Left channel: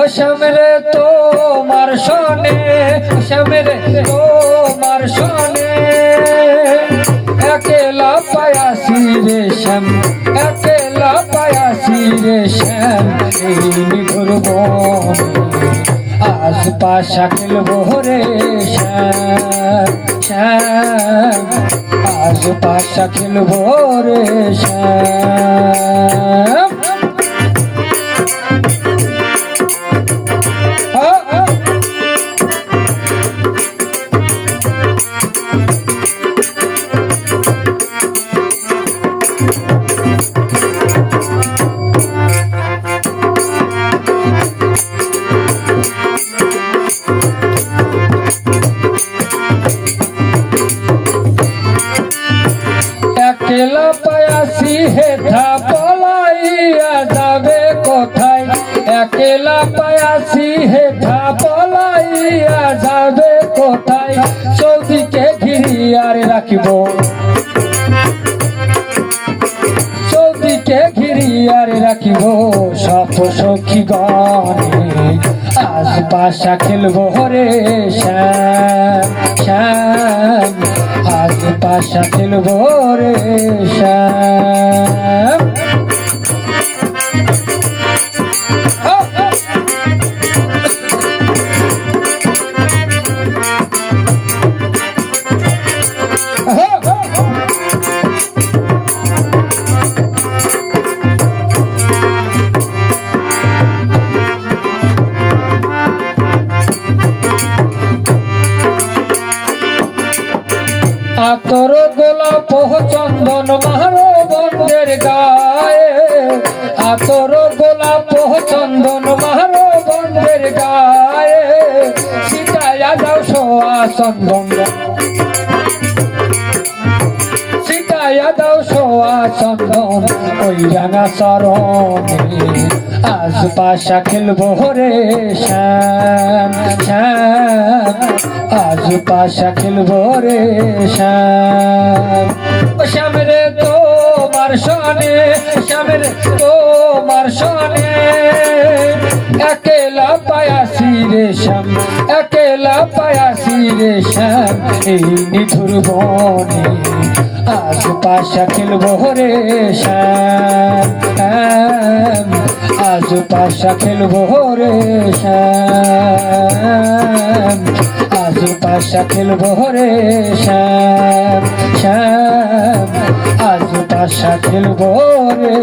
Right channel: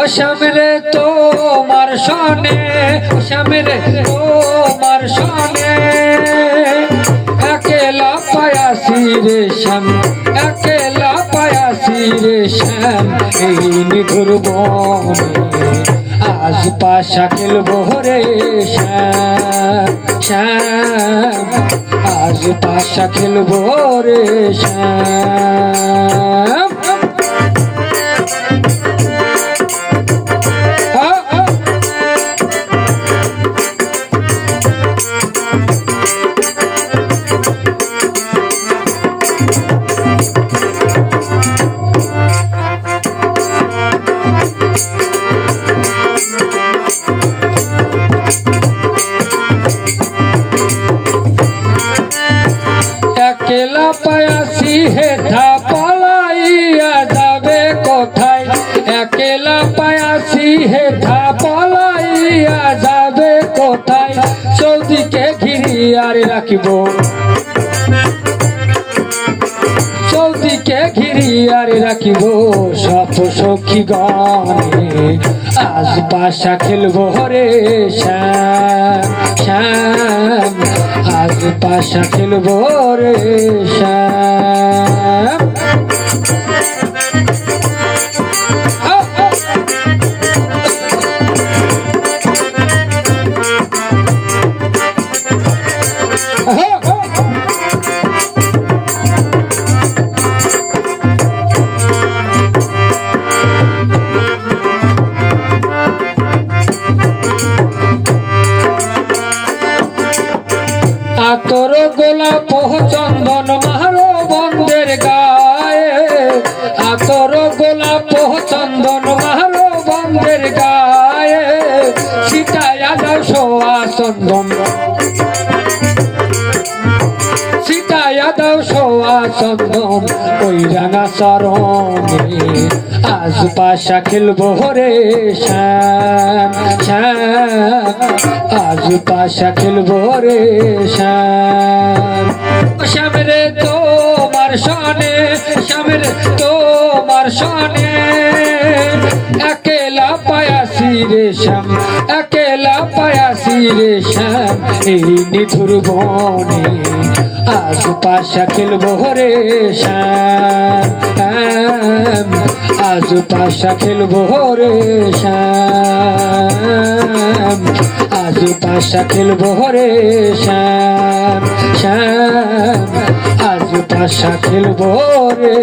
ও শ্যামরে তোমার সনে ও শ্যামরে তোমার সনে। একেলা পায়াসি রে শ্যাম একেলা পায়াসি রে শ্যাম, এই নিধুর বনে। আজ পাশা খেলব রে শ্যাম শ্যাম। আজ পাশা খেলব রে শ্যাম। পায়াসি হেথা পলাইয়া যাবে কোথায়? একলা পায়াসি হেথা পলাইয়া যাবে কোথায়? চৌদিকে ঘিরিয়ার রাখিব। রাখিব। সপ সখী গণে আজ পাশা খেলব রে শ্যাম। পাশা খেলব রে আতর গোলাপ চন্দন মারো বন্ধের গায়ে সীতায়া যাও সোয়া চন্দন। সীতায়া দাও সোয়া চন্দন, ওই রাঙা চরণে আজ পাশা খেলব রে শ্যাম শ্যাম। আজ পাশা খেলব রে শ্যাম সনে একেলা পায়াসি রে শ্যাম, একেলা পায়াসি রে শ্যাম, এই নিধুর বনে আজ পাশা খেলব রে শ্যাম। আজ পাশা খেলব রে শ্যাম। আজ পাশা খেলব রে শ্যাম শ্যাম। আশা খেলব রে